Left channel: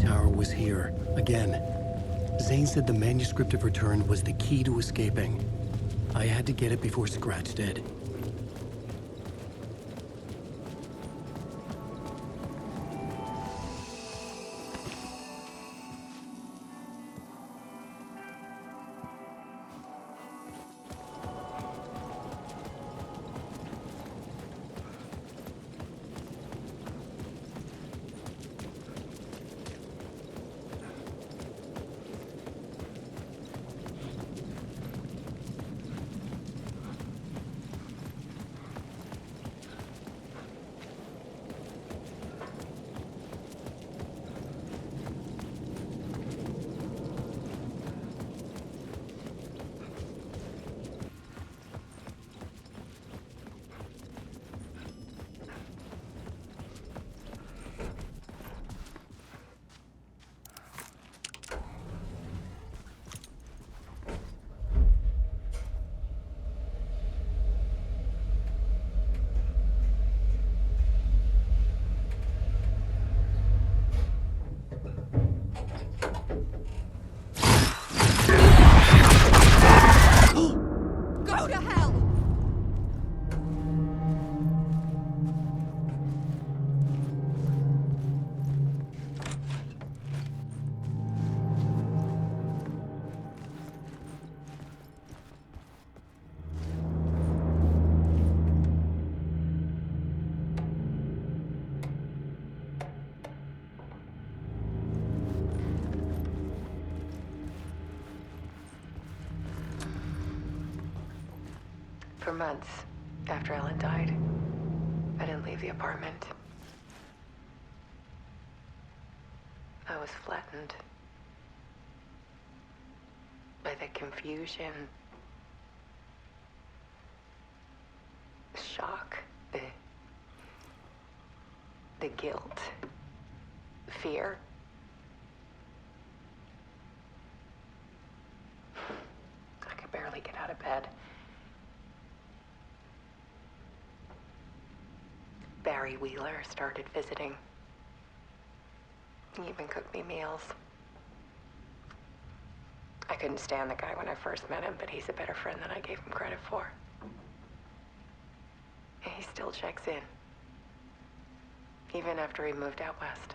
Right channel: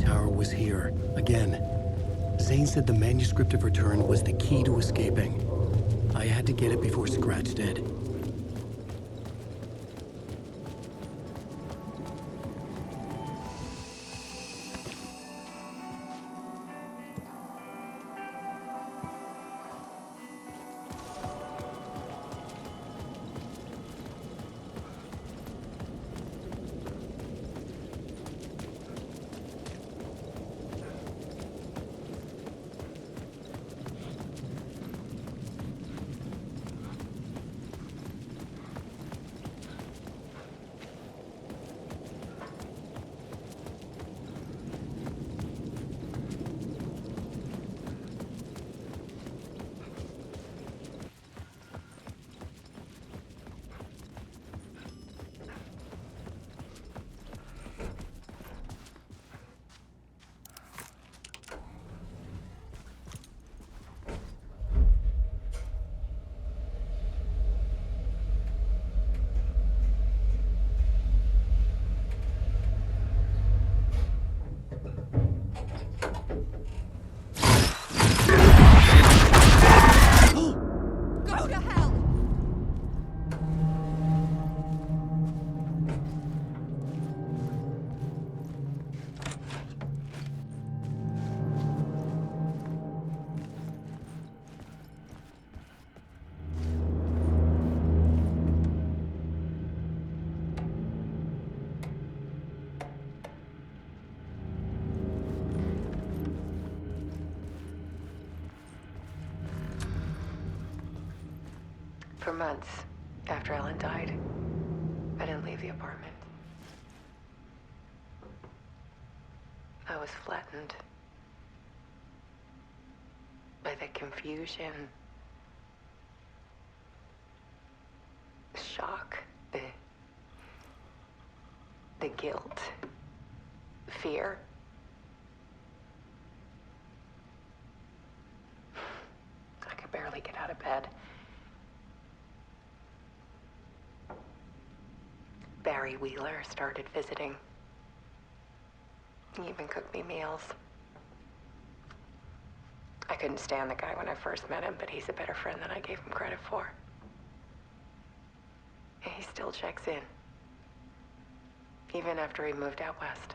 tower was here, again. Zane said the manuscript of return was the key to escaping. I had to get it before Scratch did. For months after Ellen died, I didn't leave the apartment. I was flattened by the confusion, the shock, the guilt, fear. I could barely get out of bed. Barry Wheeler started visiting. He even cooked me meals. I couldn't stand the guy when I first met him, but he's a better friend than I gave him credit for. And he still checks in, even after he moved out west.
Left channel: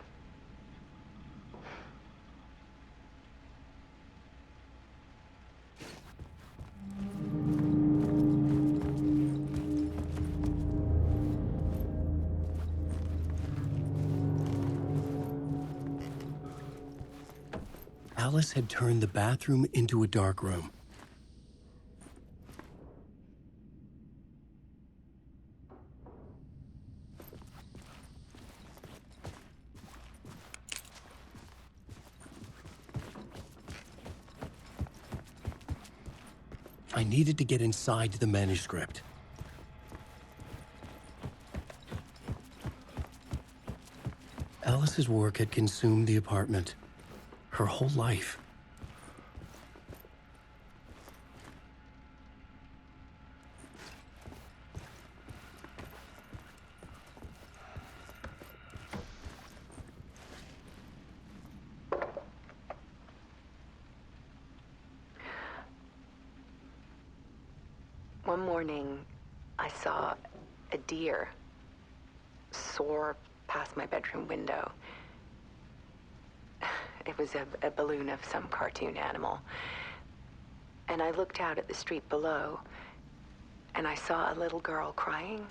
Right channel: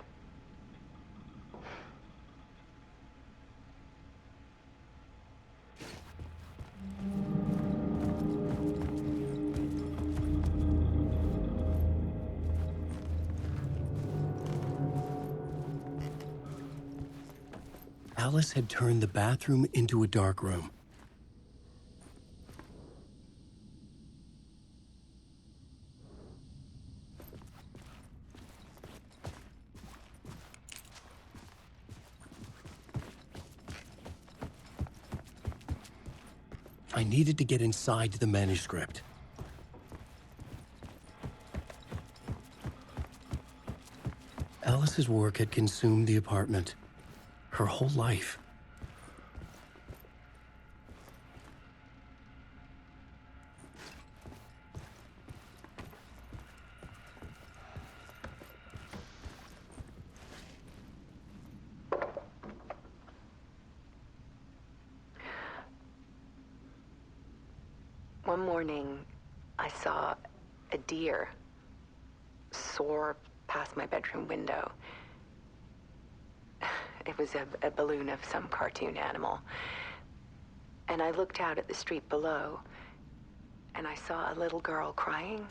Alice had turned the bathroom into a dark room. I needed to get inside the manuscript. Alice's work had consumed the apartment. Her whole life. One morning, I saw a deer soar past my bedroom window. It was a balloon of some cartoon animal. And I looked out at the street below, and I saw a little girl crying.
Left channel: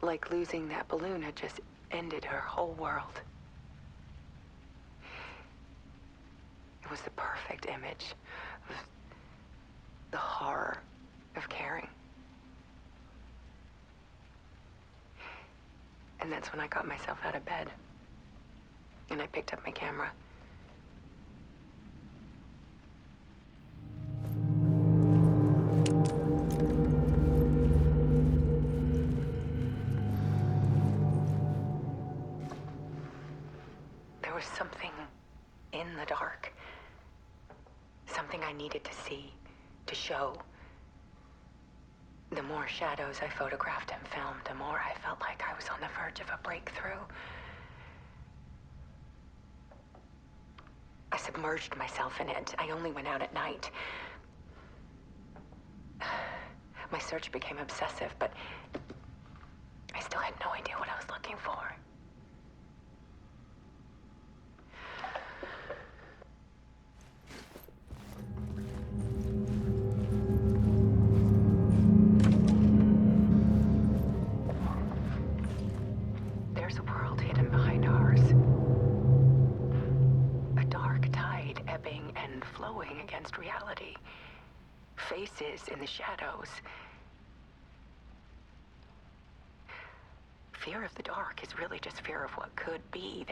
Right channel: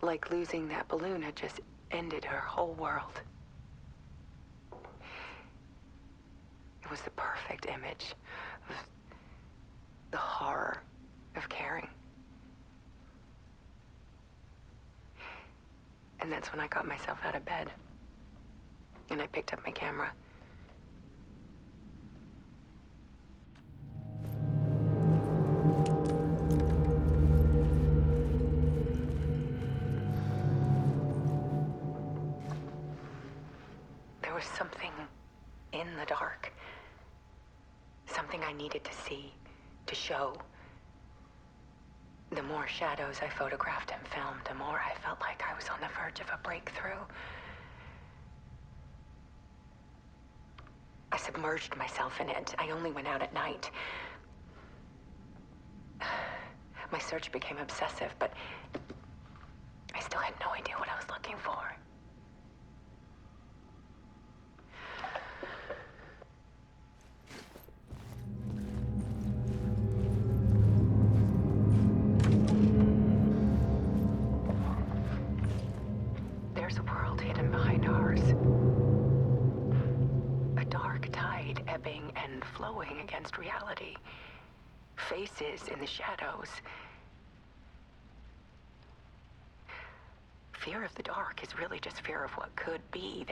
Like losing that balloon had just ended her whole world. It was the perfect image of the horror of caring. And that's when I got myself out of bed. And I picked up my camera. There was something in the dark. Something I needed to see, to show. The more shadows I photographed and filmed, the more I felt like I was on the verge of a breakthrough. I submerged myself in it. I only went out at night. My search became obsessive, but I still had no idea what I was looking for. There's a world hidden behind ours. A dark tide ebbing and flowing against reality. Faces in the shadows. Fear of the dark is really just fear of what could be,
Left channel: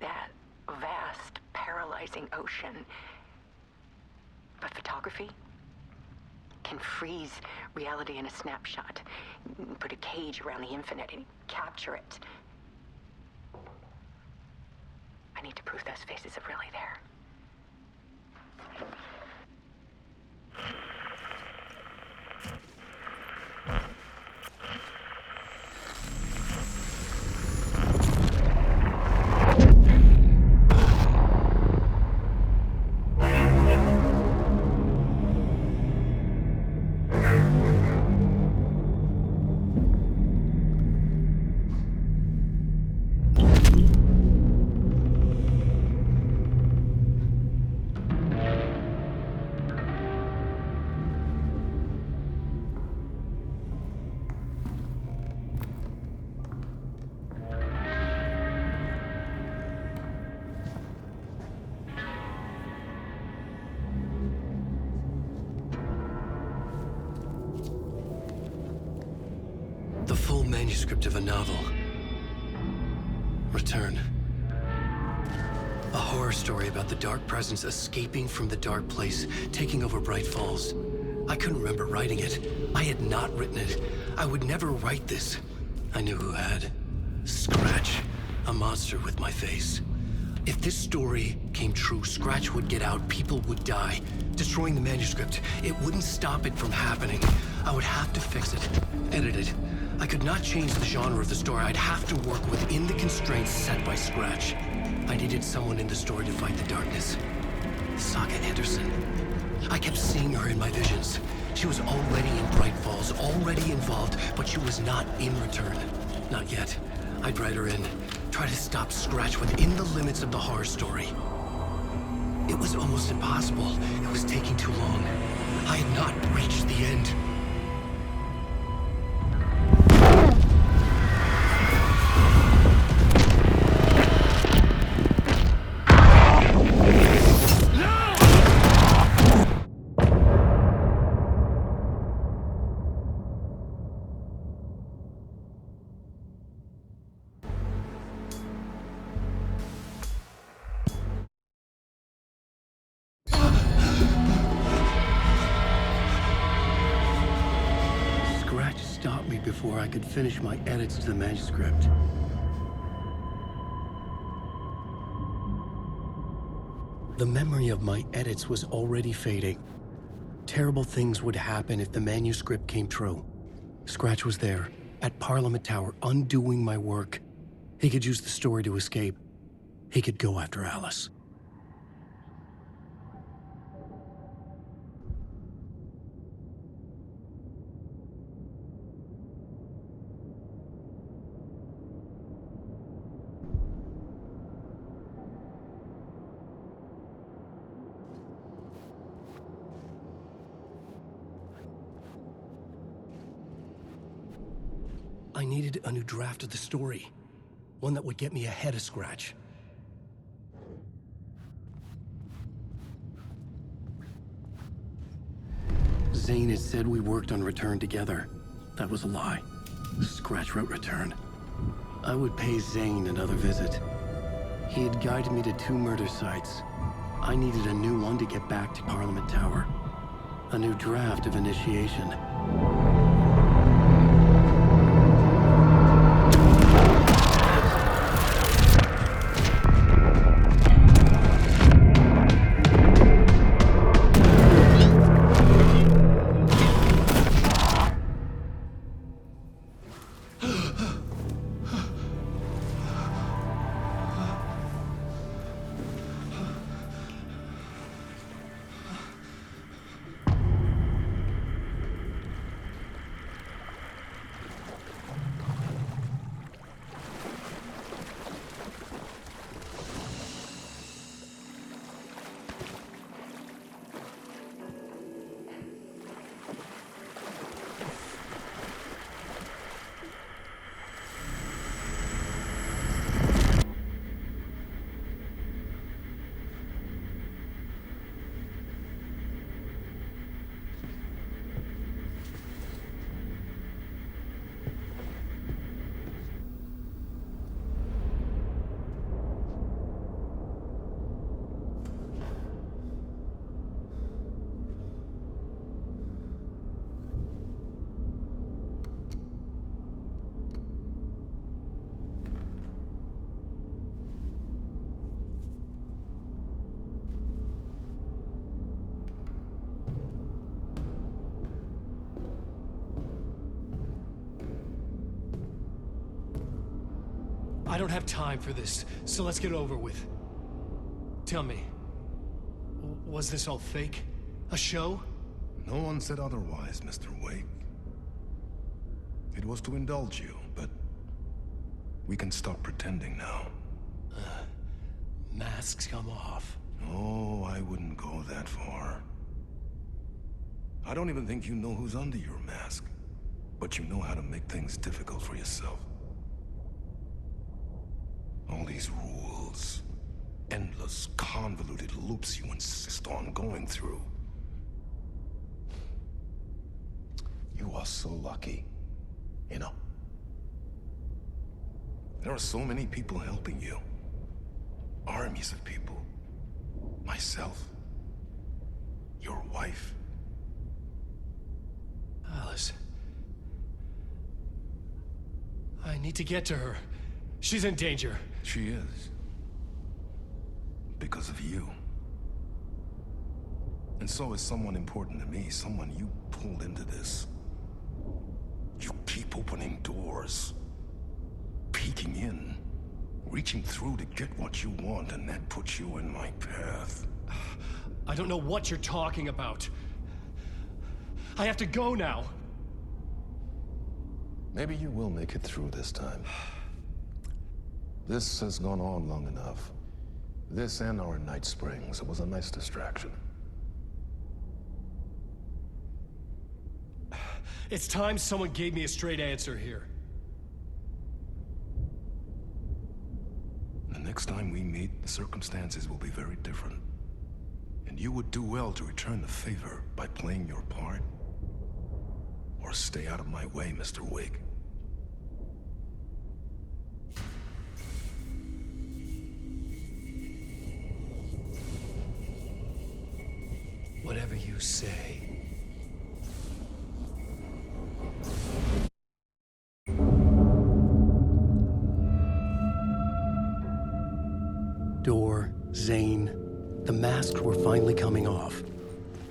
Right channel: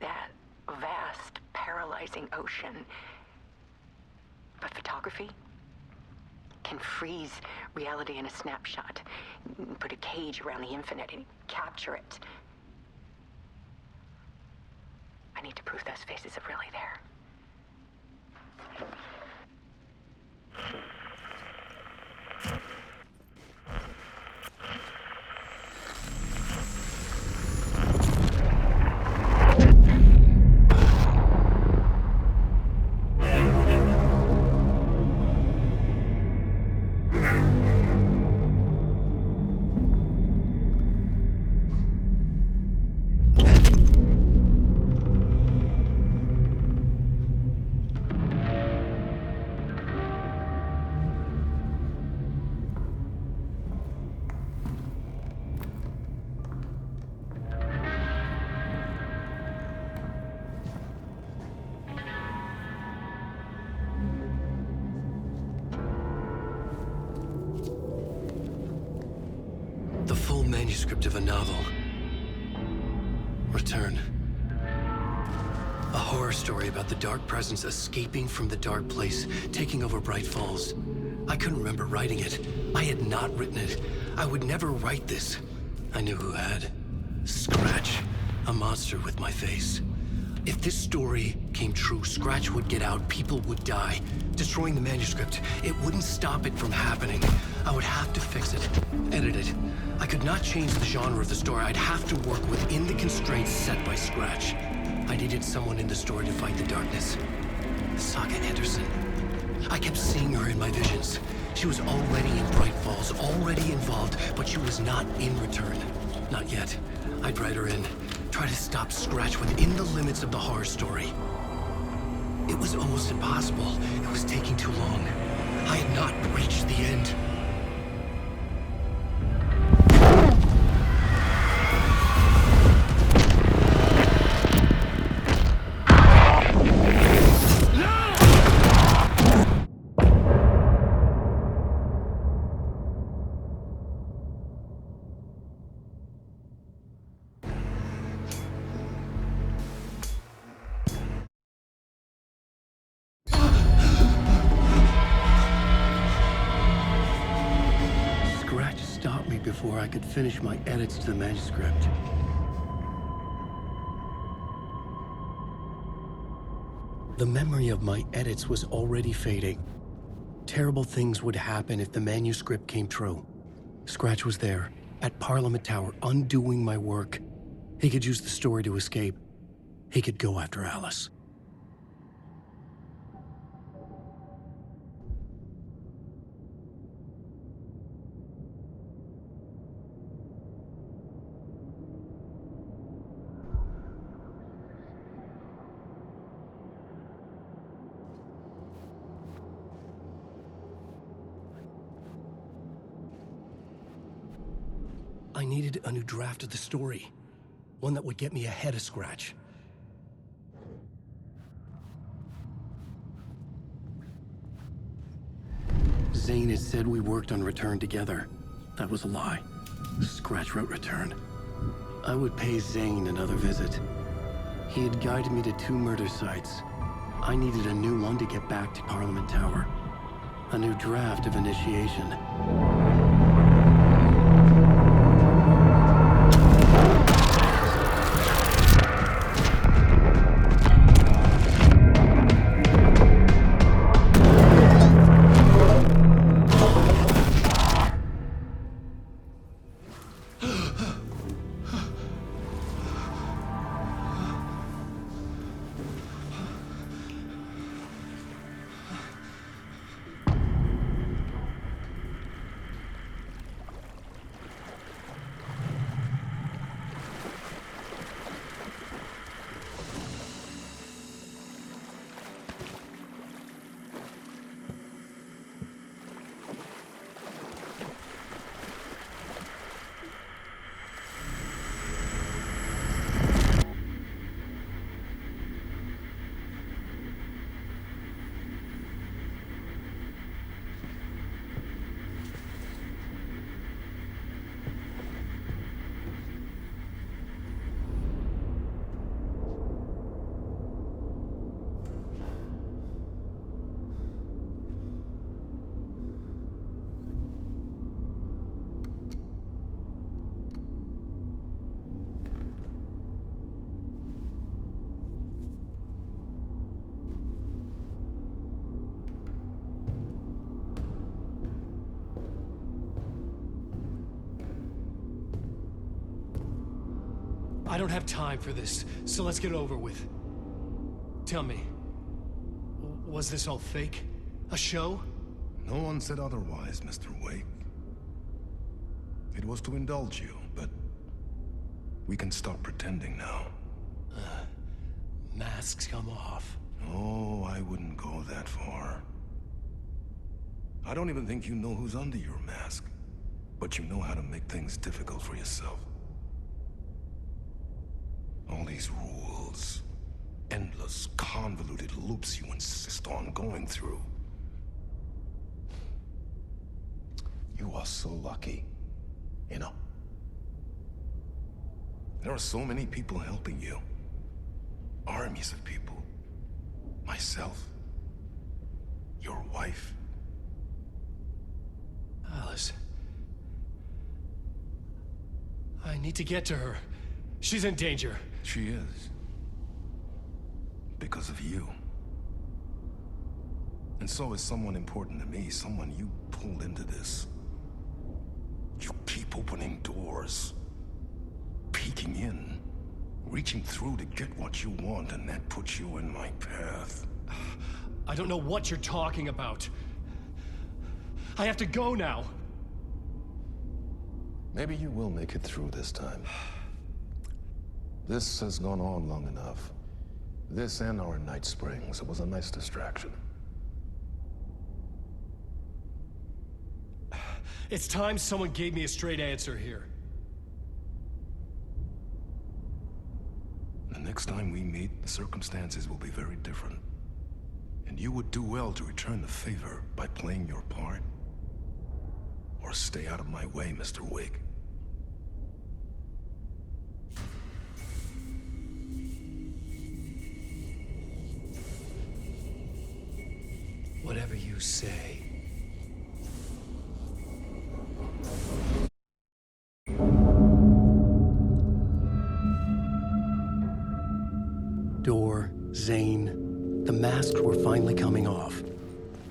that vast, paralyzing ocean. But photography can freeze reality in a snapshot, put a cage around the infinite and capture it. I need to prove those faces are really there. The full manuscript of a novel. Return. A horror story about the dark presence escaping from the dark place, taking over Bright Falls. I couldn't remember writing it. I had not written it. I would never write this. I knew who had. Scratch. A monster with my face. If this story came true, Scratch would get out, people would die. Destroying the manuscript, it wouldn't stop it from happening. I would have to fix it, edit it. I could not change the genre of the story. I'd have to work within the constraints set by Scratch. I needed someone in the story to fight the darkness. Saga Anderson. I kept seeing her in my visions. She was already in Bright Falls, already involved, but she was not in Return. Not yet. I'd write her in. Try to stop Scratch within the limits of the horror story. It was almost impossible. It was taking too long. I had not reached the end. Scratch stopped me before I could finish my edits to the manuscript. The memory of my edits was already fading. Terrible things would happen if the manuscript came true. Scratch was there, at Parliament Tower, undoing my work. He could use the story to escape. He could go after Alice. I needed a new draft of the story. One that would get me ahead of Scratch. Zane had said we worked on Return together. That was a lie. Scratch wrote Return. I would pay Zane another visit. He had guided me to 2 murder sites. I needed a new one to get back to Parliament Tower. A new draft of Initiation. I don't have time for this, so let's get over with. Tell me, was this all fake? A show? No one said otherwise, Mr. Wake. It was to indulge you, but we can stop pretending now. Masks come off. Oh, I wouldn't go that far. I don't even think you know who's under your mask, but you know how to make things difficult for yourself. All these rules, endless, convoluted loops you insist on going through. You are so lucky, you know. There are so many people helping you. Armies of people. Myself. Your wife. Alice. I need to get to her. She's in danger. She is. Because of you. And so is someone important to me, someone you pulled into this. You keep opening doors. Peeking in. Reaching through to get what you want, and that puts you in my path. I don't know what you're talking about. I have to go now. Maybe you will make it through this time. This has gone on long enough. This and our Night Springs. It was a nice distraction. It's time someone gave me a straight answer here. The next time we meet, the circumstances will be very different. And you would do well to return the favor by playing your part. Or stay out of my way, Mr. Wake. Whatever you say. Door, Zane, the masks were finally coming off.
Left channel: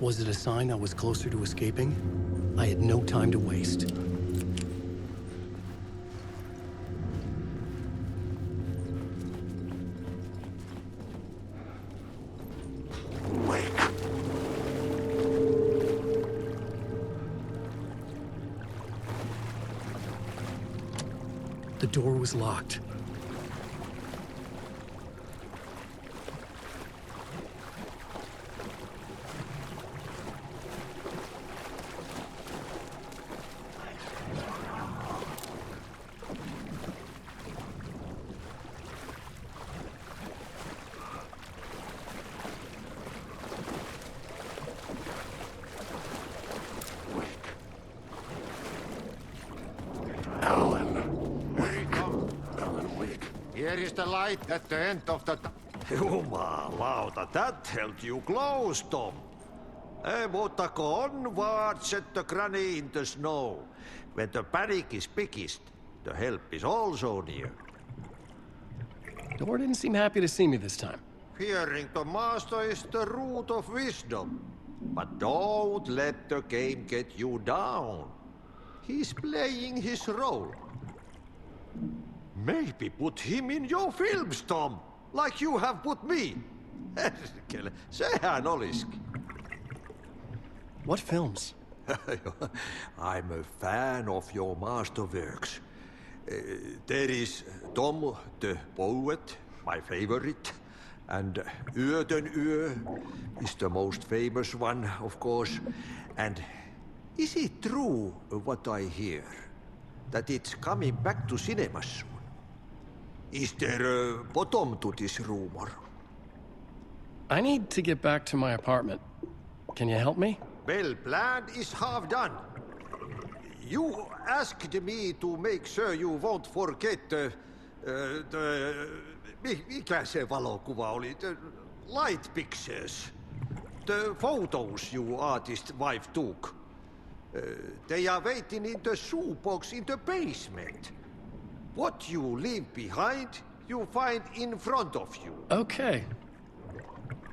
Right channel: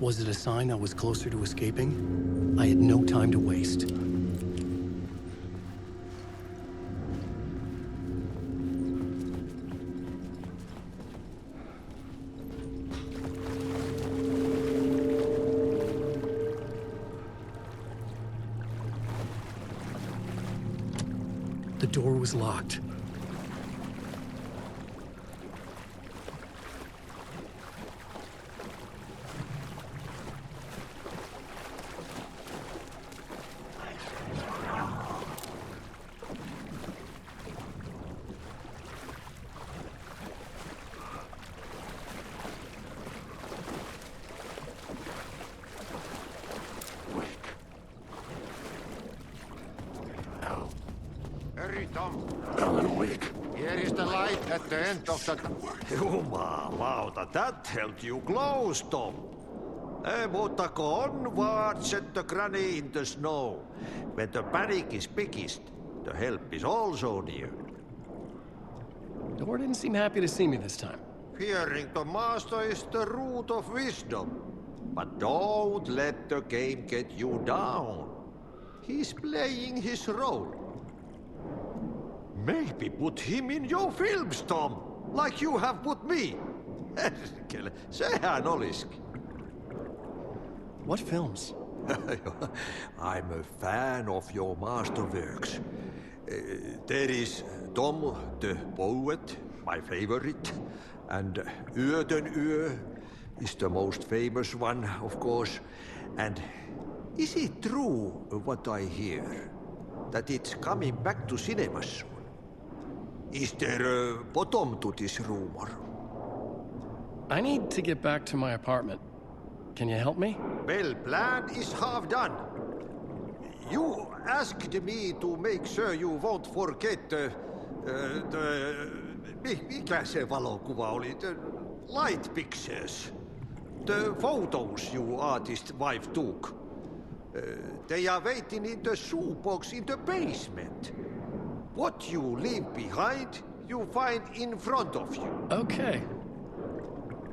Was it a sign I was closer to escaping? I had no time to waste. The door was locked. Here is the light at the end of the... Jumalauta, that held you close, Tom. Mutta go onward, set the granny in the snow. When the panic is biggest, the help is also near. Door didn't seem happy to see me this time. Fearing the master is the root of wisdom. But don't let the game get you down. He's playing his role. Maybe put him in your films, Tom, like you have put me. Sehän olisikin. What films? I'm a fan of your masterworks. There is Tom the Poet, my favorite, and Yöden Yö is the most famous one, of course. And is it true what I hear, that it's coming back to cinemas soon? Is there a bottom to this rumor? I need to get back to my apartment. Can you help me? Well, plan is half done. You asked me to make sure you won't forget mikä se valokuva oli? The light pictures. The photos your artist wife took. They are waiting in the shoebox in the basement. What you leave behind, you find in front of you. Okay.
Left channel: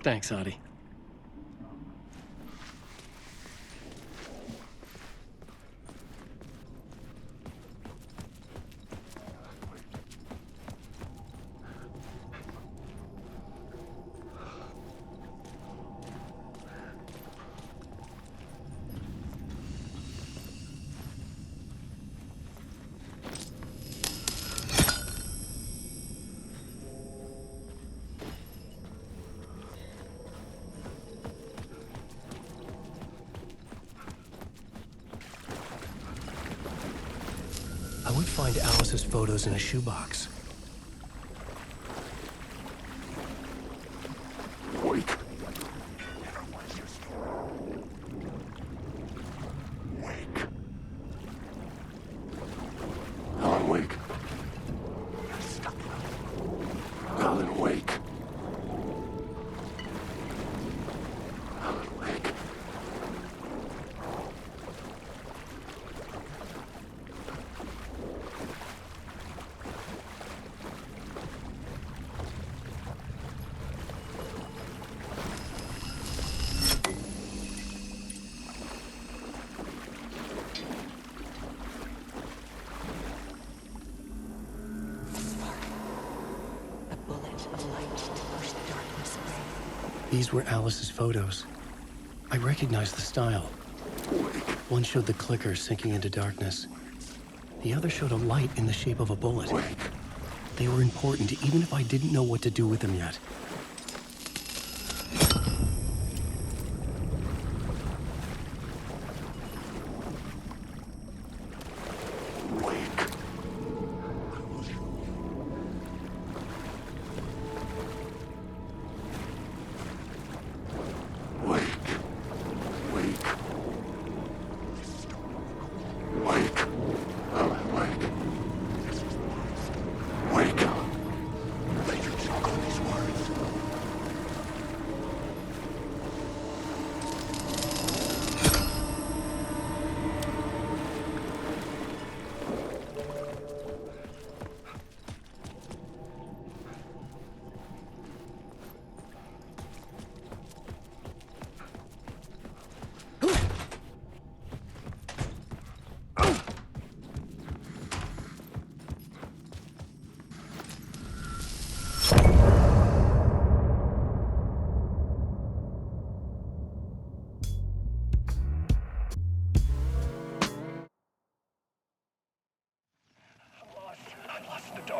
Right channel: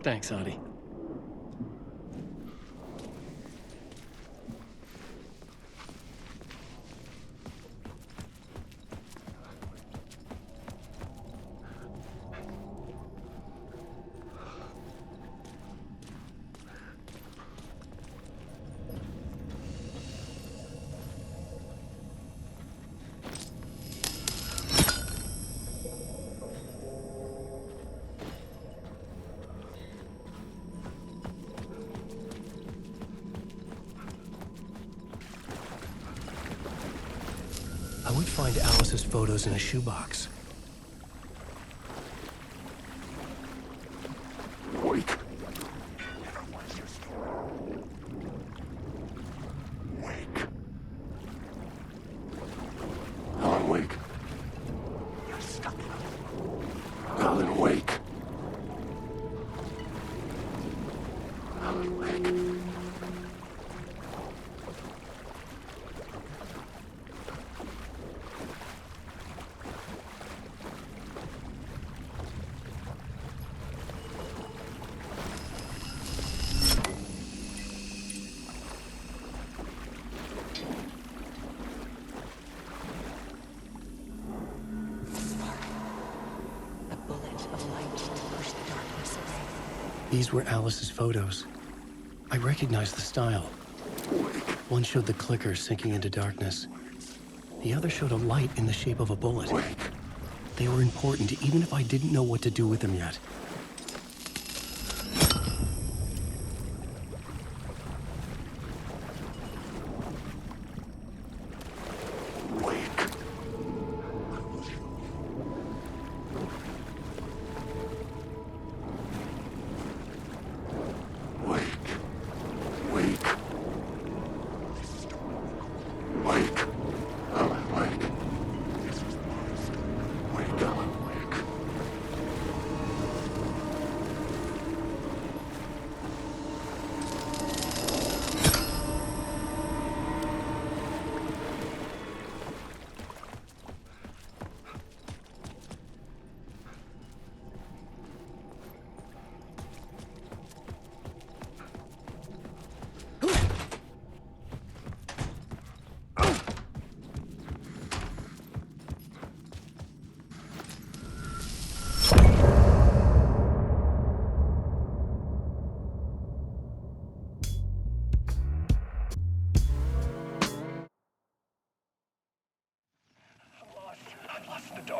Thanks, Adi. would find Alice's photos in a shoebox. Wake. Wake. Alan, wake. You're stuck. Alan, wake. Alan, wake. A bullet of light to push the darkness away. These were Alice's photos. I recognized the style. One showed the clicker sinking into darkness. The other showed a light in the shape of a bullet. They were important, even if I didn't know what to do with them yet.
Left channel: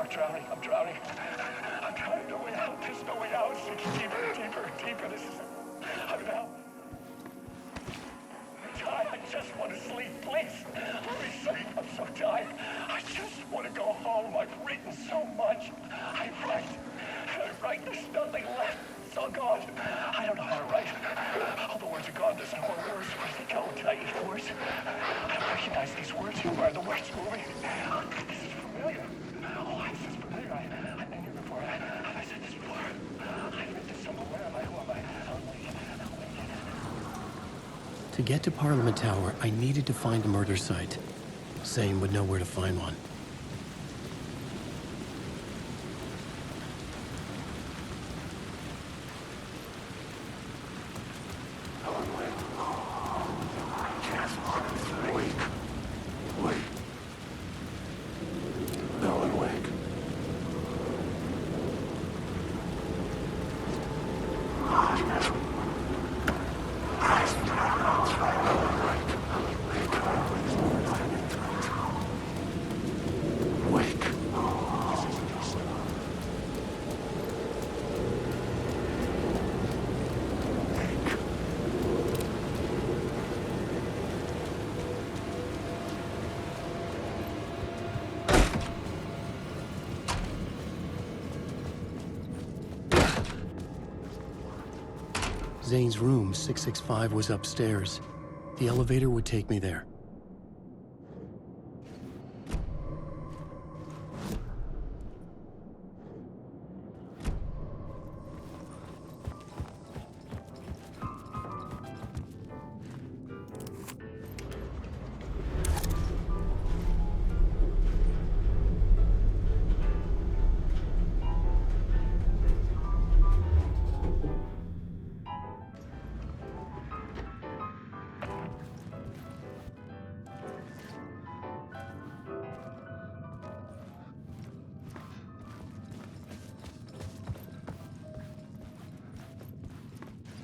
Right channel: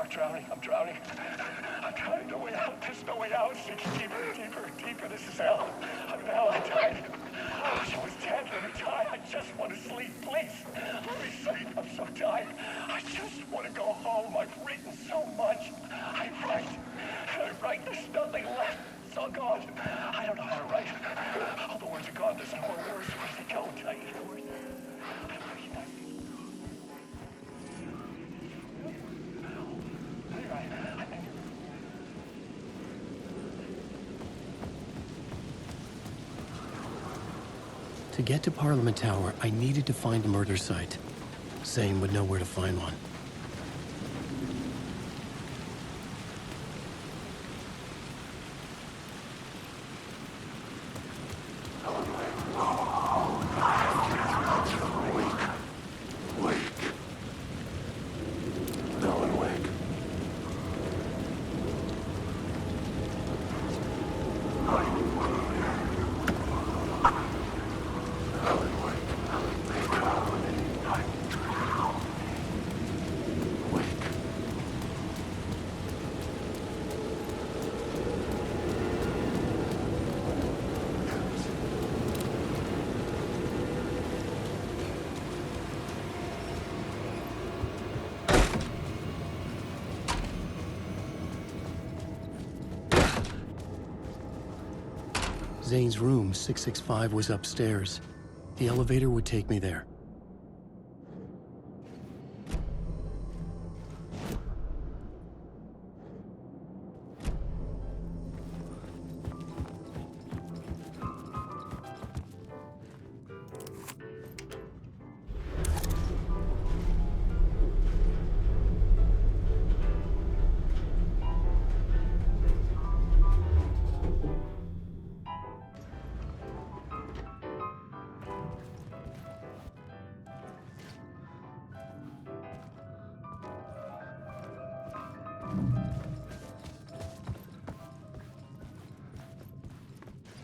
Drowning. I'm drowning. I'm drowning. No way out. There's no way out. It's deeper, deeper, deeper. This is hell. I'm in hell. I died. She was dead. Let me die. I just want to sleep. Please. Let me sleep. I'm so tired. I just want to go home. I've written so much. I write. There's nothing left. It's all gone. I don't know how to write. All the words are gone. There's no more words. Where do they go? Did I eat the words? I don't recognize these words. Who are the words moving? This is familiar. Oh, this is familiar. I've been here before. Have I said this before? I've been this somewhere. Where am I? To get to Parliament Tower, I needed to find a murder site. Zane would know where to find one. Zane's room, 665, was upstairs. The elevator would take me there.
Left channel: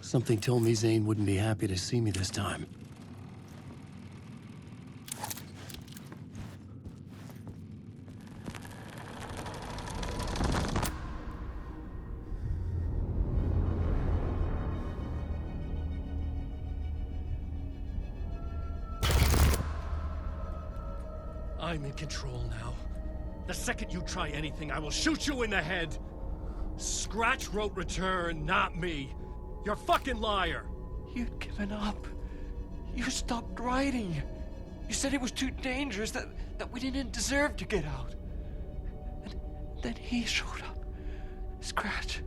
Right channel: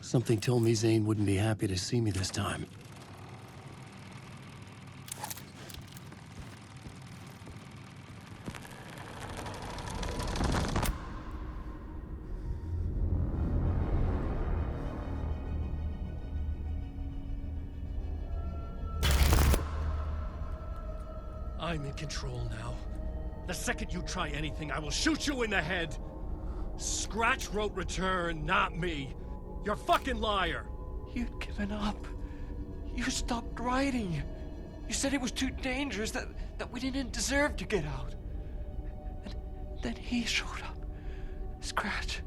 Something told me Zane wouldn't be happy to see me this time. I'm in control now. The second you try anything, I will shoot you in the head. Scratch wrote return, not me. You're a fucking liar. You'd given up. You stopped writing. You said it was too dangerous, that we didn't deserve to get out. And then he showed up. Scratch.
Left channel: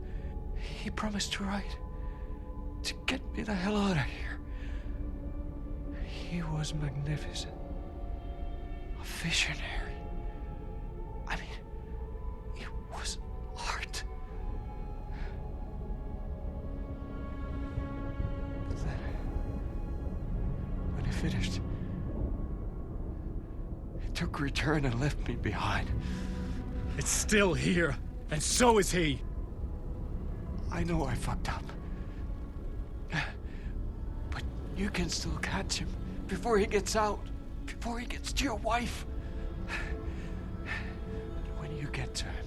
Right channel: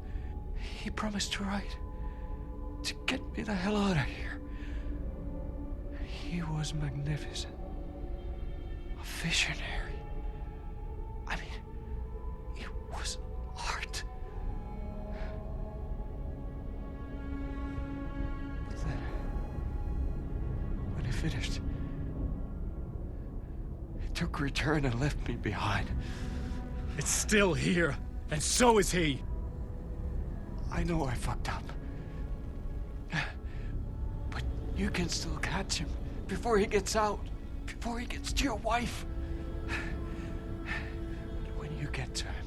He promised to write. To get me the hell out of here. He was magnificent. A visionary. I mean, it was art. But then, when he finished, he took return and left me behind. It's still here, and so is he. I know I fucked up. But you can still catch him before he gets out, before he gets to your wife. When you get to him,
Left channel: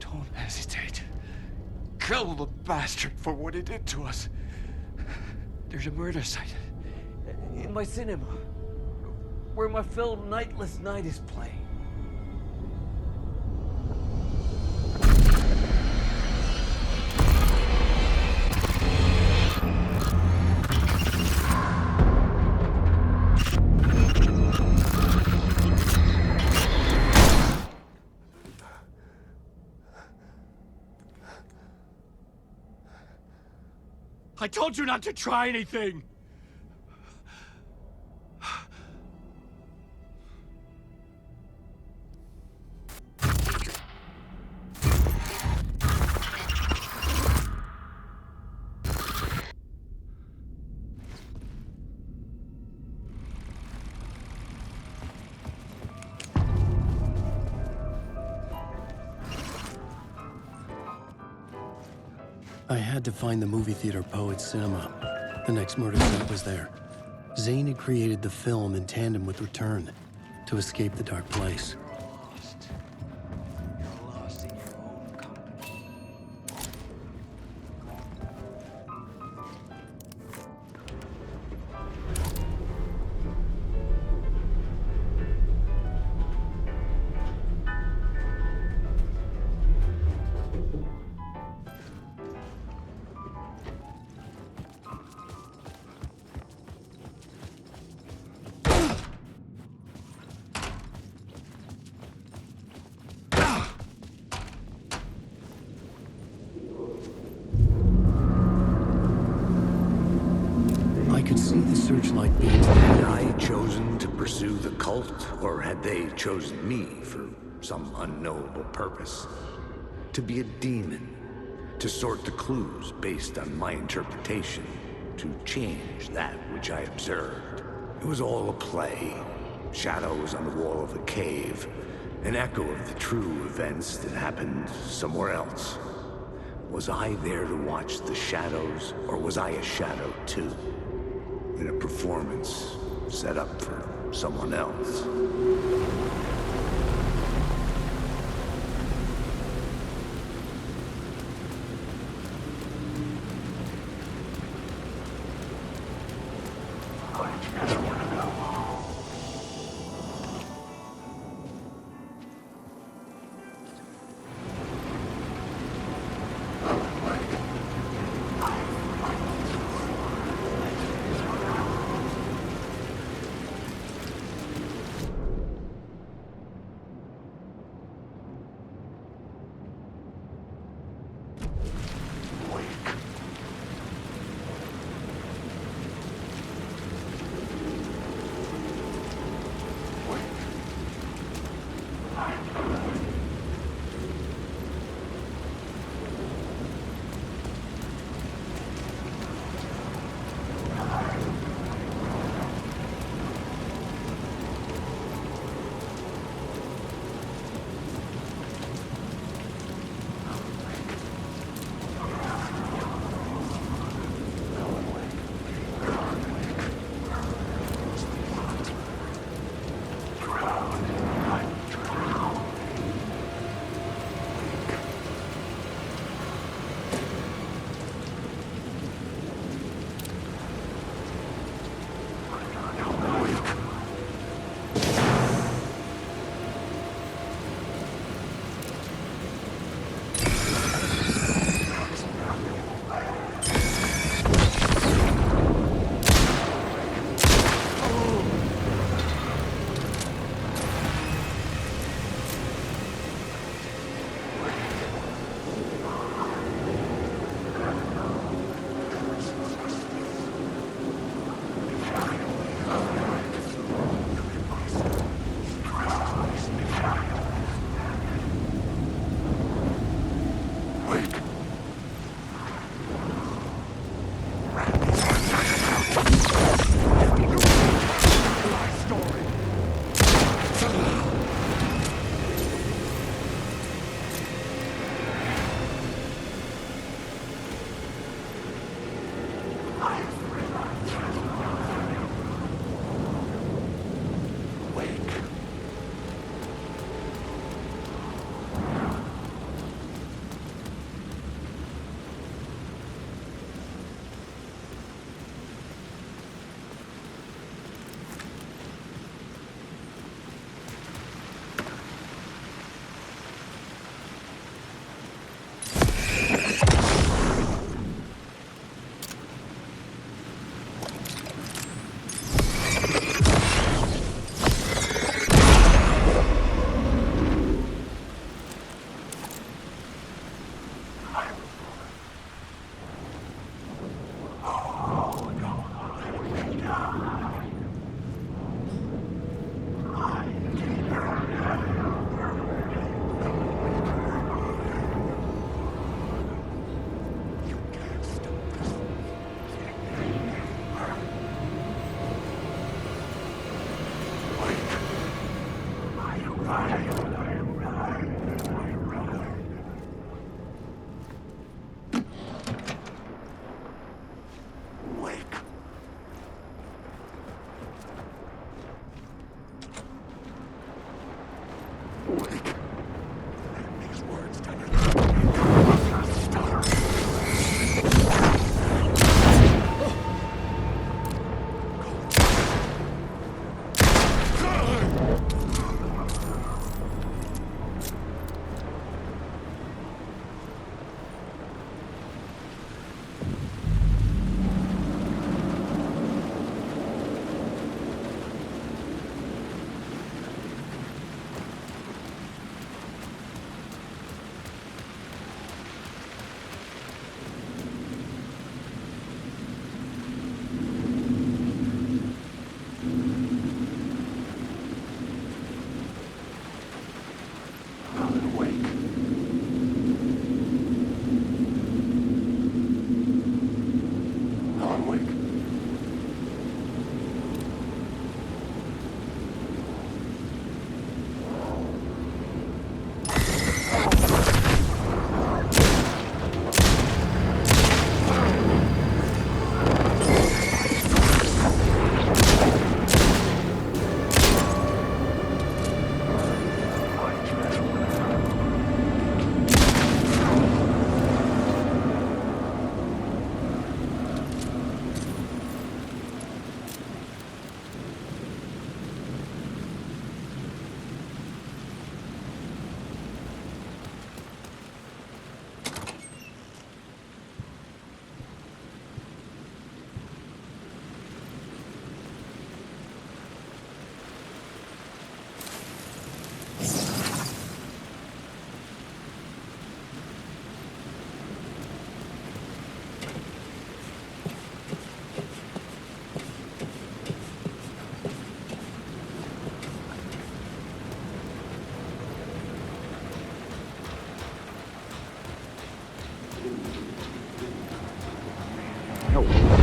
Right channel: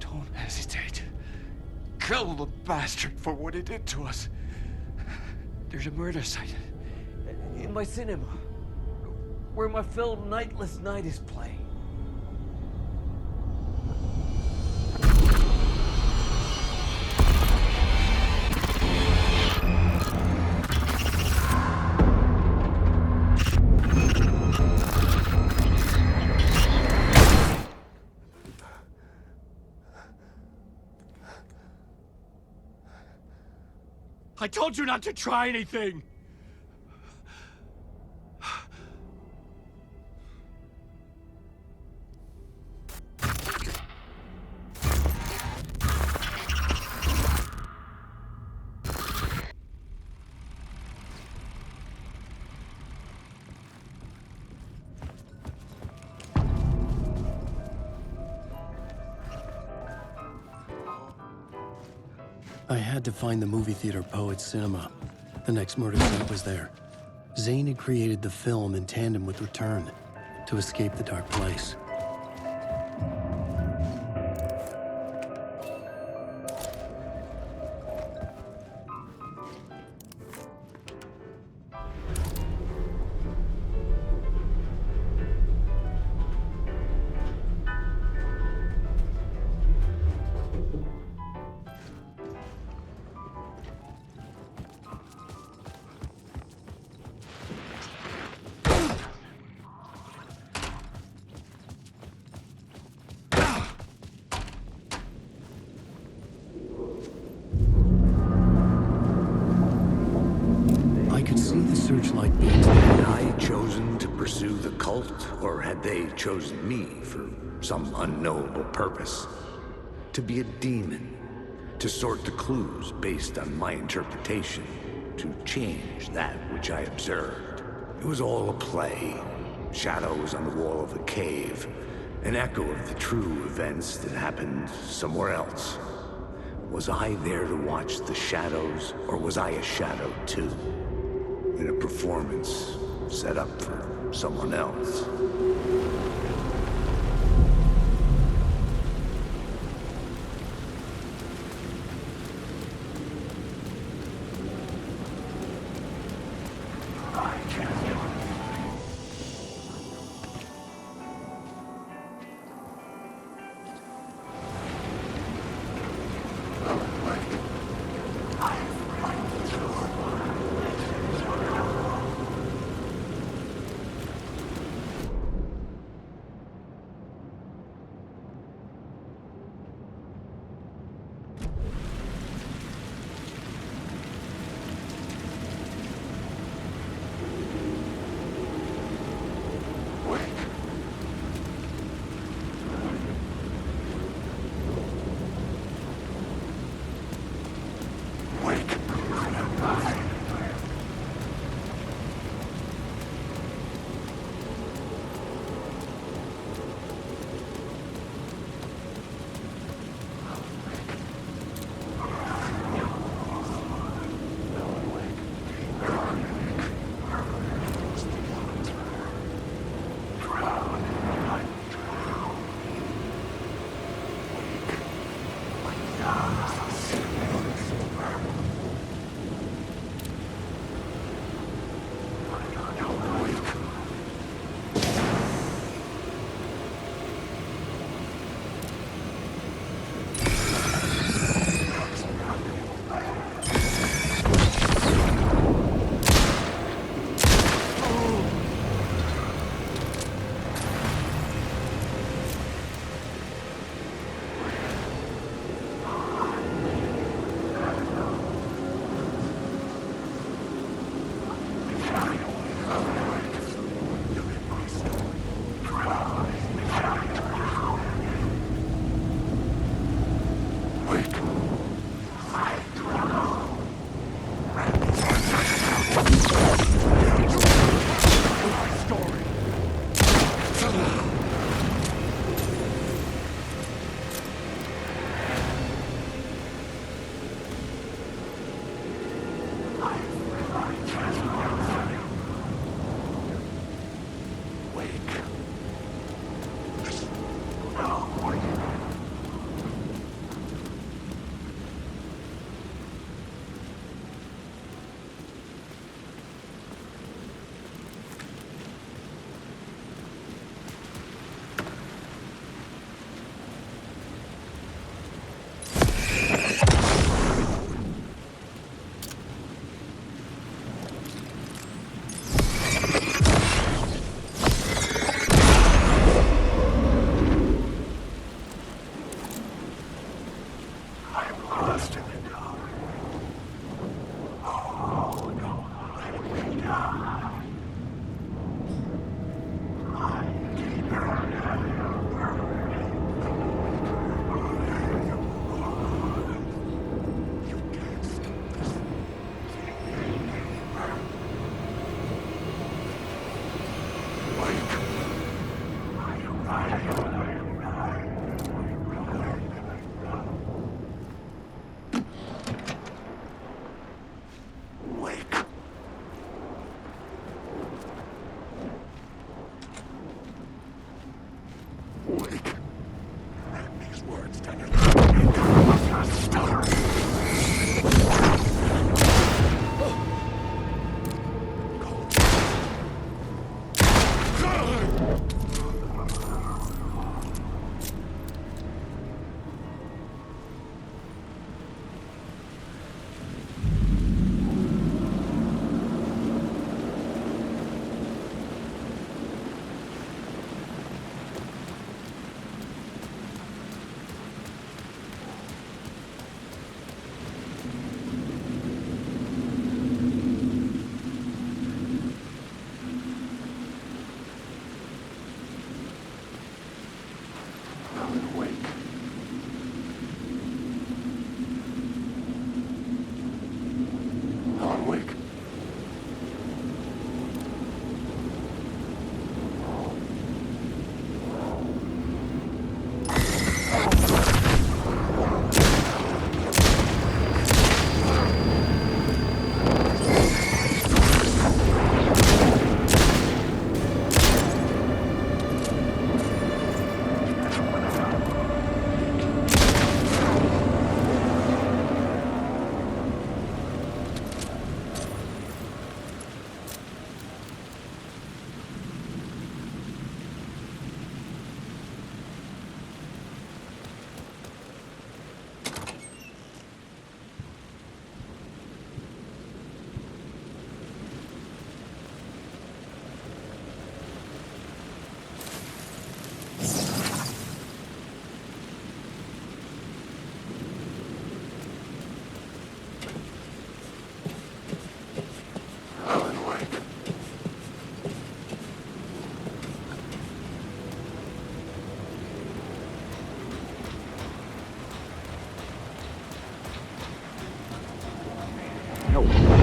don't hesitate. Kill the bastard for what he did to us. There's a murder site in my cinema where my film Nightless Night is playing. I told you not to try anything! I had to find the movie theater Poet Cinema. The next murder site was there. Zane had created the film in tandem with Return to escape the dark place. I could see the searchlight beams. Had I chosen to pursue the cult, or had they chosen me for some unknowable purpose? To be a demon, to sort the clues based on my interpretation, to change that which I observed. It was all a play. Shadows on the wall of a cave, an echo of the true events that happened somewhere else. Was I there to watch the shadows, or was I a shadow too? In a performance set up for someone else.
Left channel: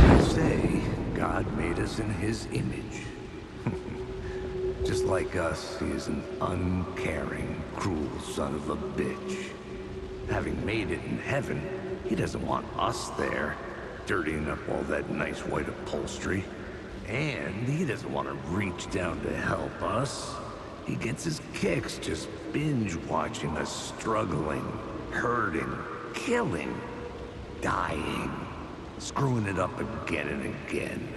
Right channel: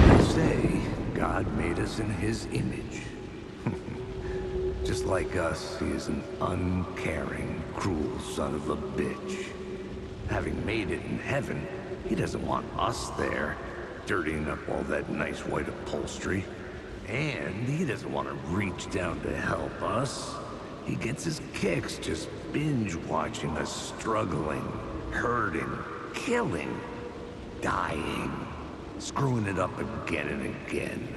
I say, God made us in his image. Just like us, he is an uncaring, cruel son of a bitch. Having made it in heaven, he doesn't want us there, dirtying up all that nice white upholstery. And he doesn't want to reach down to help us. He gets his kicks just binge-watching us struggling, hurting, killing, dying, screwing it up again and again.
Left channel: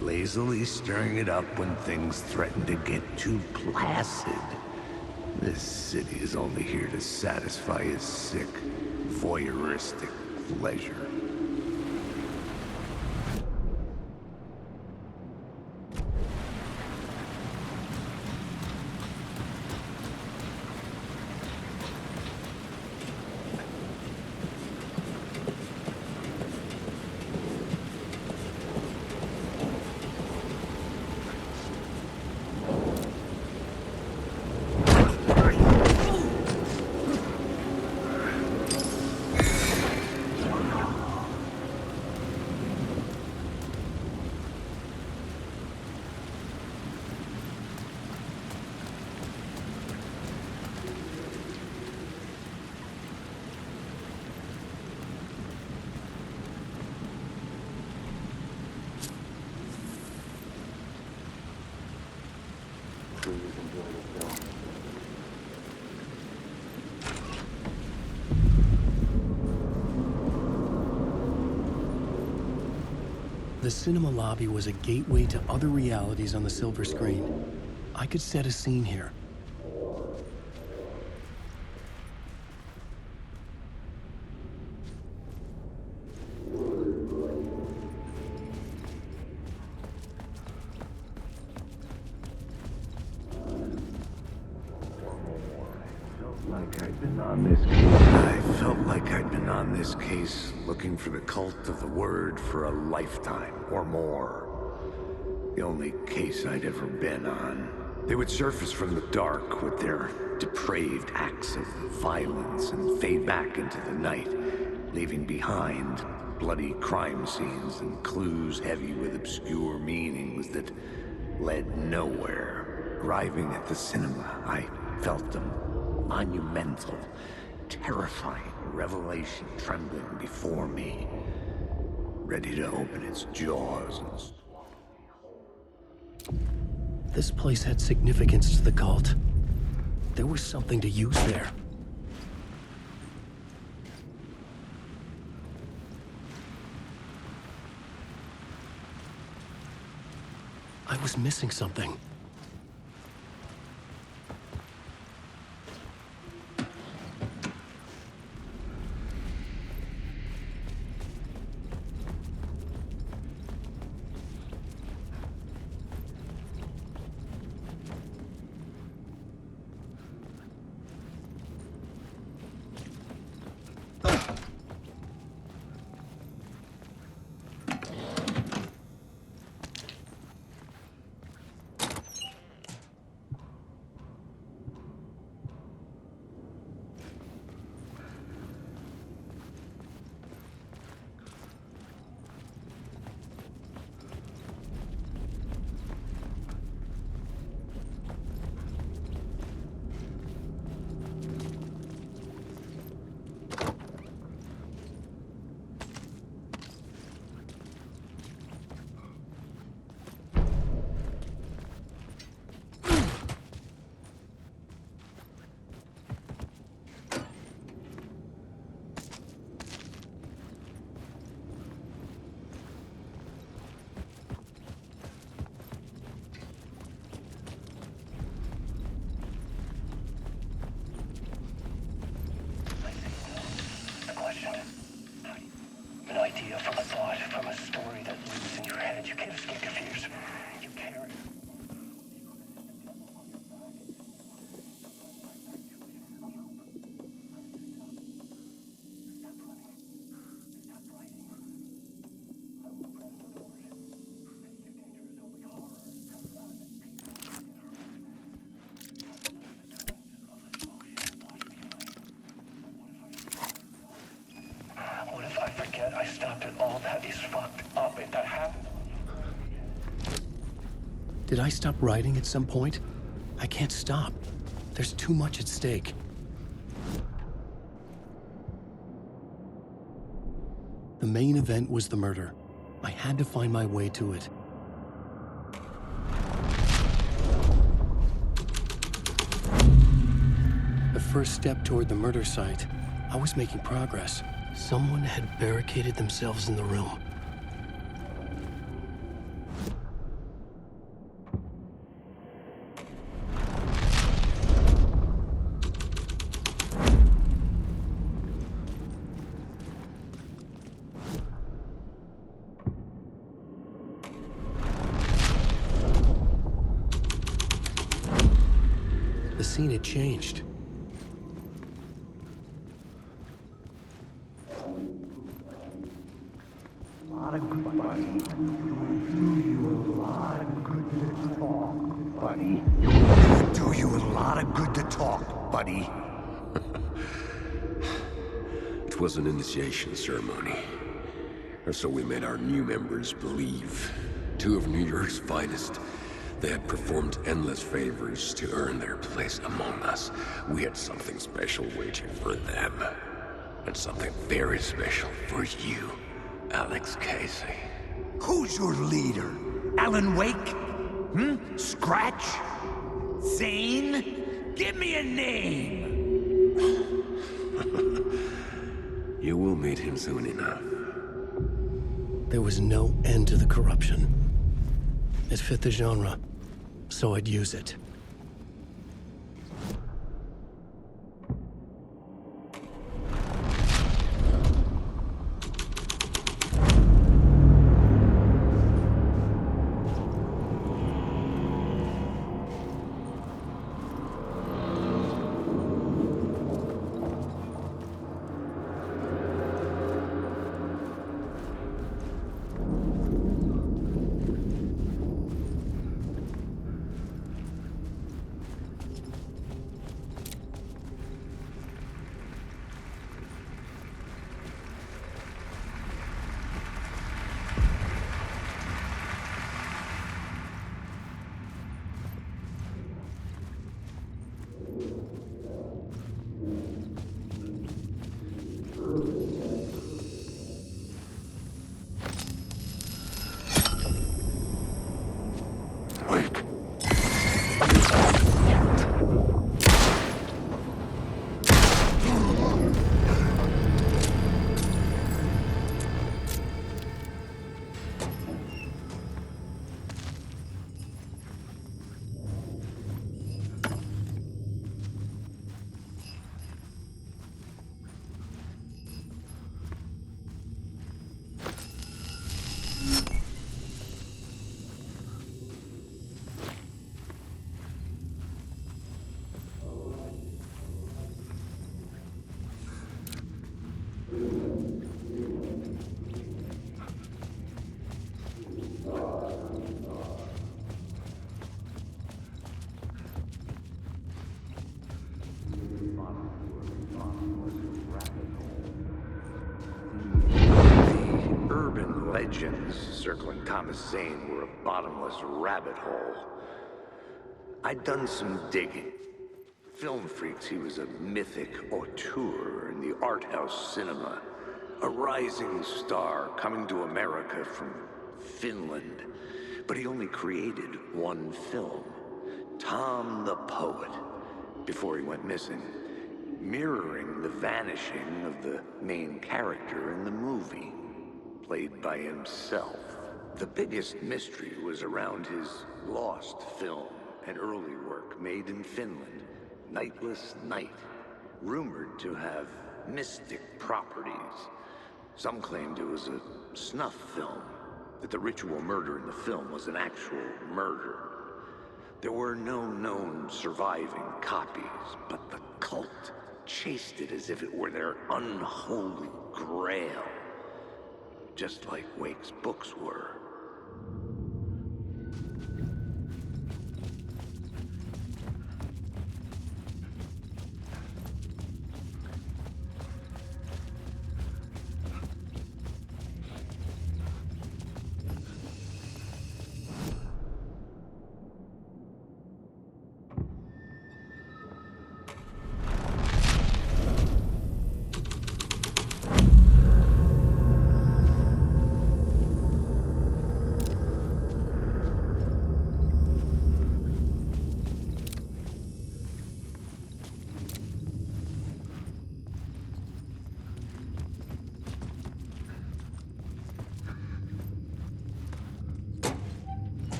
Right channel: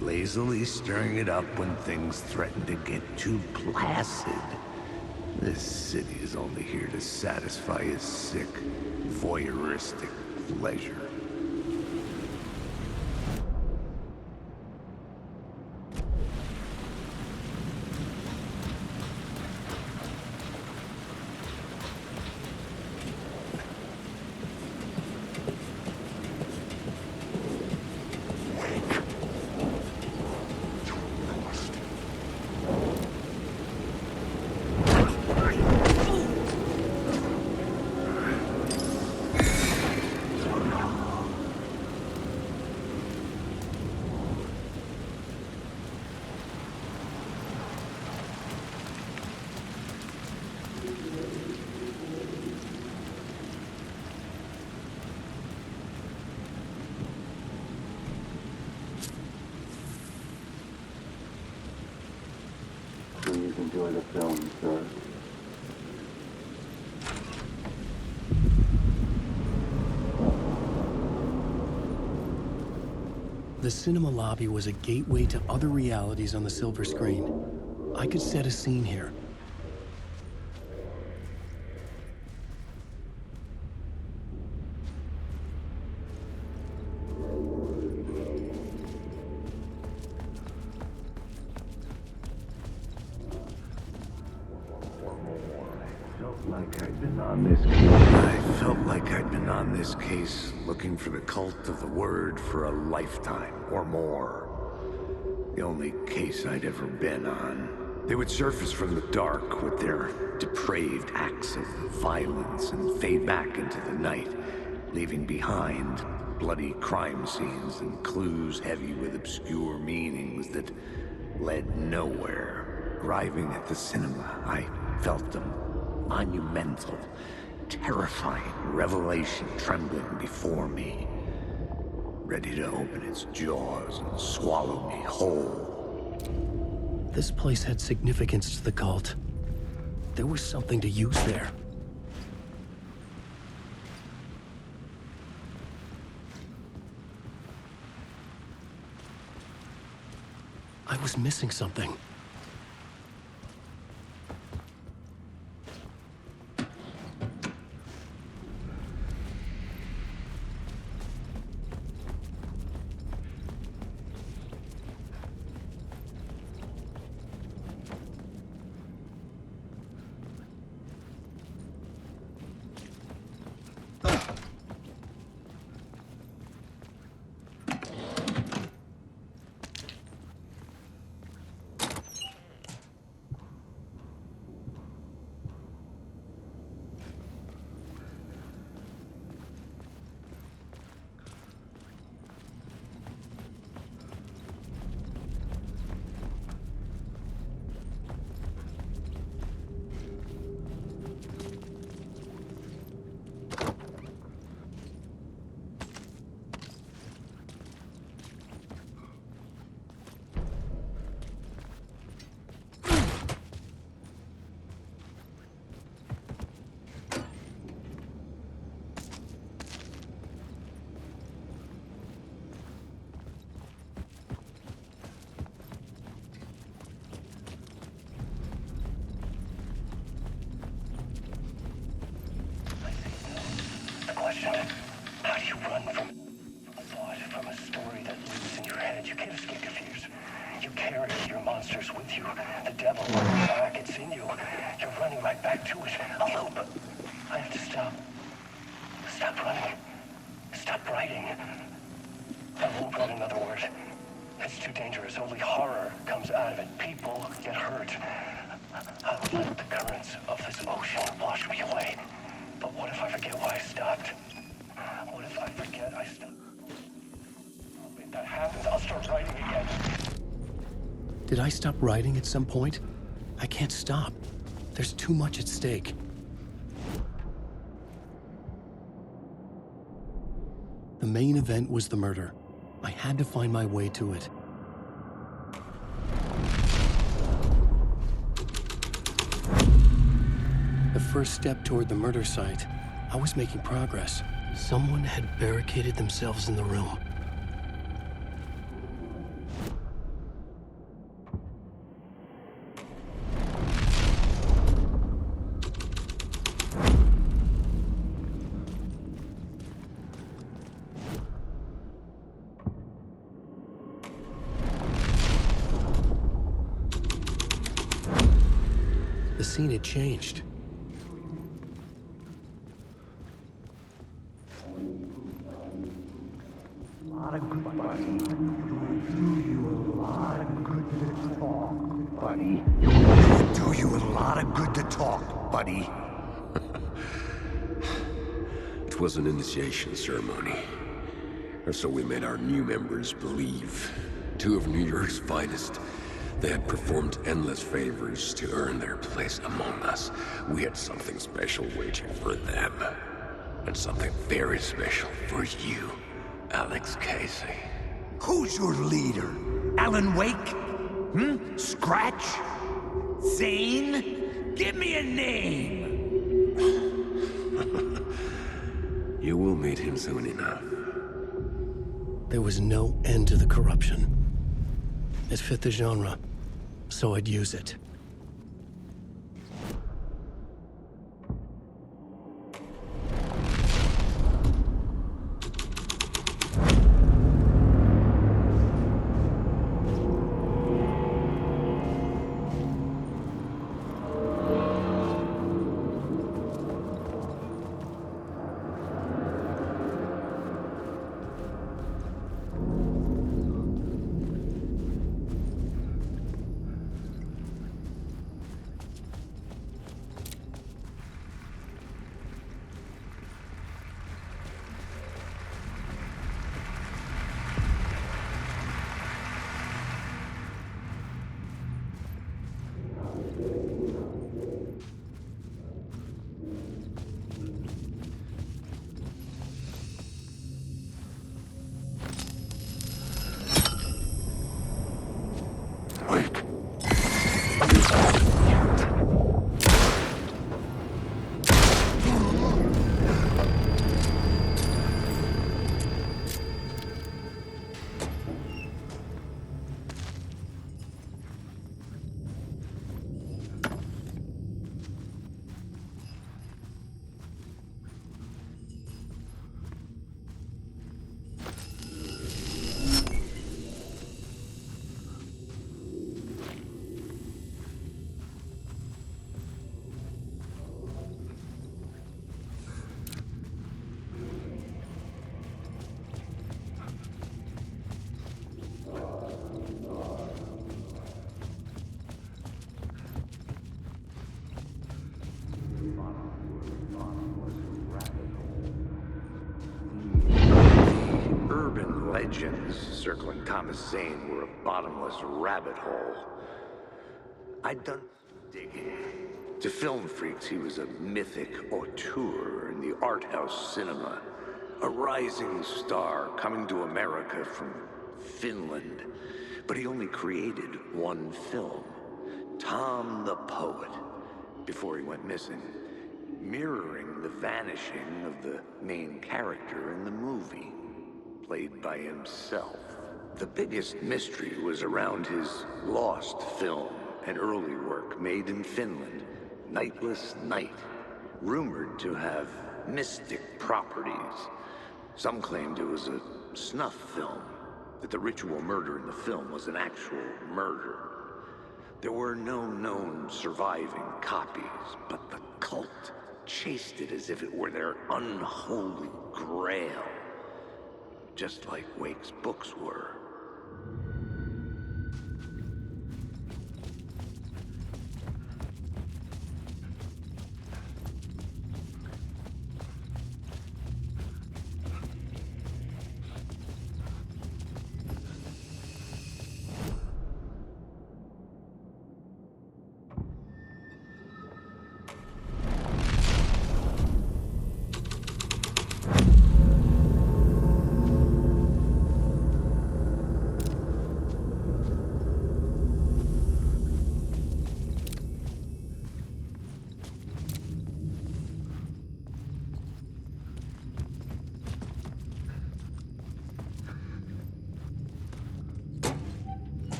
Lazily stirring it up when things threaten to get too placid. This city is only here to satisfy his sick, voyeuristic pleasure. the film says. The cinema lobby was a gateway to other realities on the silver screen. I could set a scene here. I felt like I'd been on this case looking for the cult of the word for a lifetime or more. The only case I'd ever been on. They would surface from the dark with their depraved acts of violence and fade back into the night, leaving behind bloody crime scenes and clues heavy with obscure meanings that led nowhere. Arriving at the cinema, I felt them. Monumental, terrifying revelation trembling before me, ready to open its jaws and swallow me whole. This place had significance to the cult. There was something to use there. I was missing something. How do you run from an idea, from a thought, from a story that lives in your head? You can't escape your fears. You carry your monsters with you. The devil on your back, it's in you. You're running right back to it. A loop. I have to stop. Stop running. Stop writing. I won't write another word. It's too dangerous. Only horror comes out of it. People get hurt. I'll let the currents of this ocean wash me away. But what if I forget why I stopped? What if I forget I stopped at all that is fucked up? If that happens, I'll start writing again. Did I stop writing at some point? I can't stop. There's too much at stake. The main event was the murder. I had to find my way to it. The first step toward the murder site, I was making progress. Someone had barricaded themselves in the room. The scene had changed. Do you a lot of good to talk, buddy. It was an initiation ceremony. Or so we made our new members believe. Two of New York's finest. They had performed endless favors to earn their place among us. We had something special waiting for them. And something very special for you, Alex Casey. Who's your leader? Alan Wake? Scratch? Zane? Give me a name! You will meet him soon enough. There was no end to the corruption. It fit the genre, so I'd use it. Legends circling Thomas Zane were a bottomless rabbit hole. I'd done some digging. To film freaks, he was a mythic auteur in the art house cinema. A rising star coming to America from Finland. But he only created one film, Tom the Poet, before he went missing, mirroring the vanishing of the main character in the movie, played by himself. The biggest mystery was around his lost film, an early work made in Finland, Nightless Night, rumored to have mystic properties. Some claimed it was a snuff film, that the ritual murder in the film was an actual murder. There were no known surviving copies, but the cult chased it as if it were their unholy grail. Just like Wake's books were.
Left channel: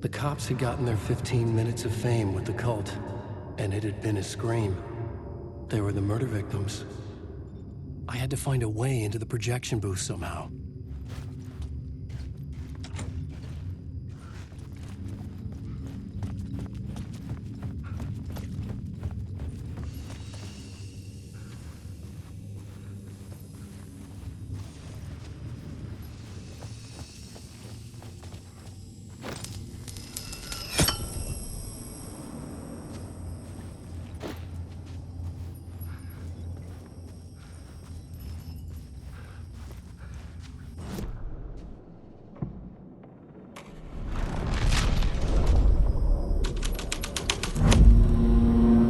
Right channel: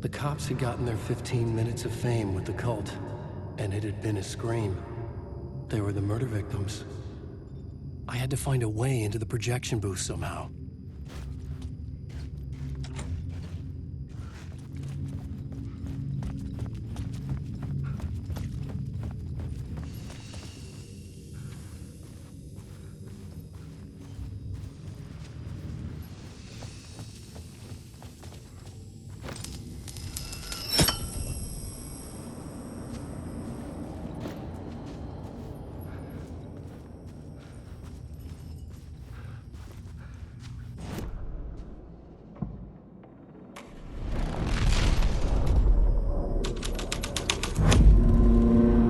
The cops had gotten their 15 minutes of fame with the cult, and it had been a scream. They were the murder victims. I had to find a way into the projection booth somehow.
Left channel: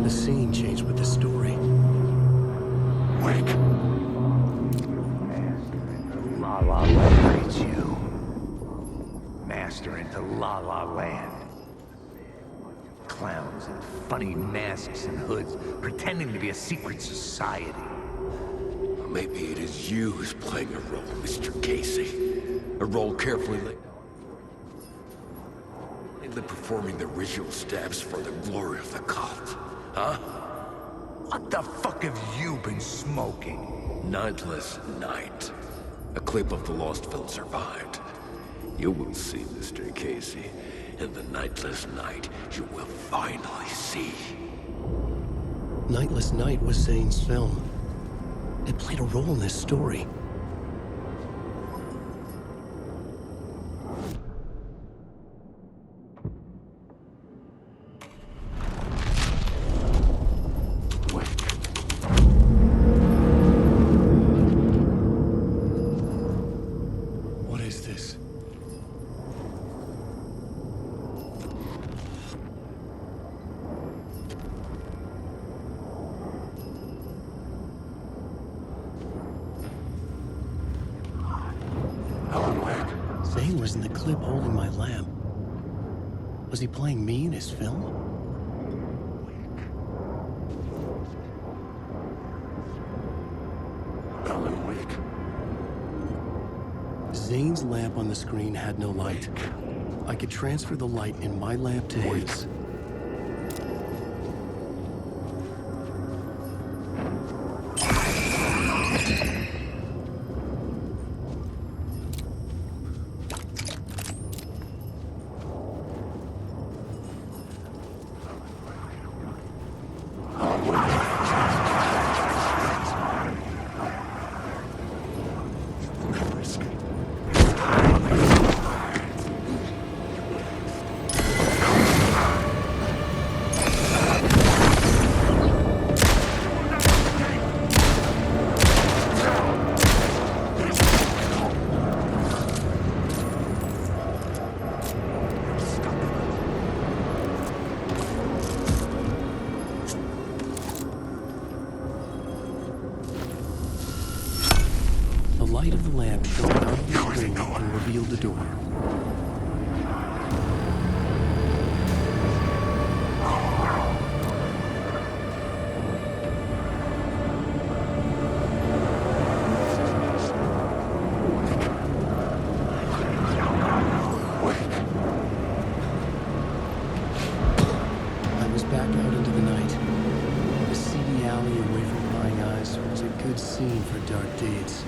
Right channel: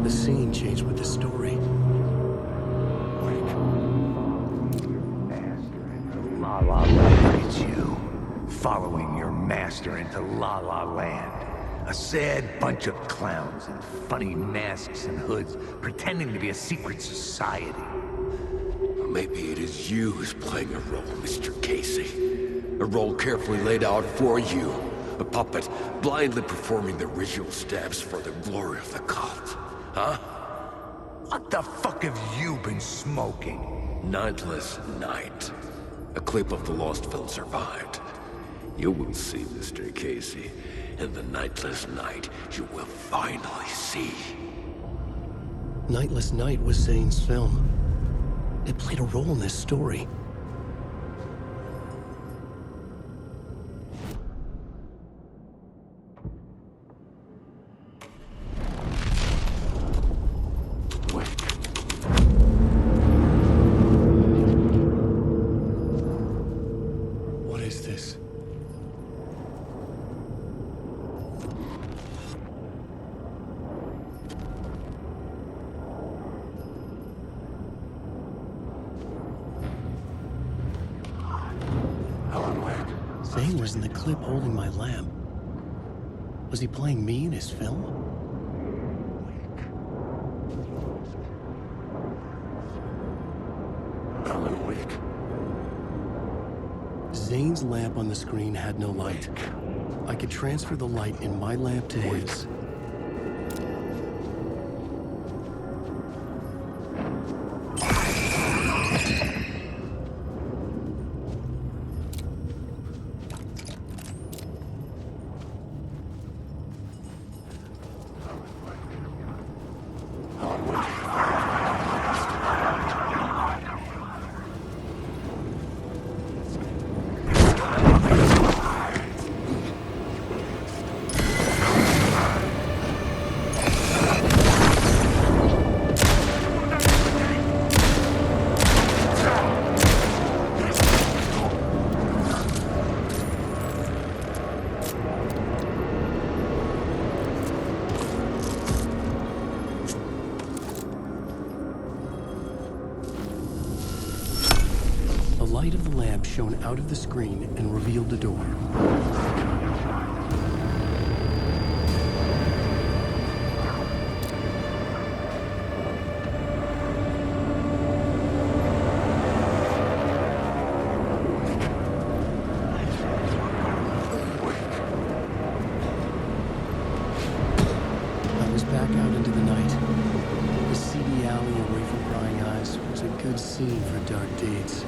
The scene changed with the story. Wake. La La Land leads you. Following your master into La La Land. A sad bunch of clowns in funny masks and hoods, pretending to be a secret society. Maybe it is you who's playing a role, Mr. Casey. A role carefully laid out for you. A puppet, blindly performing the ritual steps for the glory of the cult. Huh? What the fuck have you been smoking? Nightless Night. A clip of the lost film survived. You will see, Mr. Casey. In the Nightless Night, you will finally see. Nightless Night was Zane's film. It played a role in this story. What is this? Zane was in the clip holding my lamp. Was he playing me in his film? Alan Wake. Zane's lamp on the screen had no light. I could transfer the light in my lamp to his. The light of the lamp shone out of the screen and revealed the door. I was back out into the night. The seedy alley away from prying eyes was a good scene for dark deeds.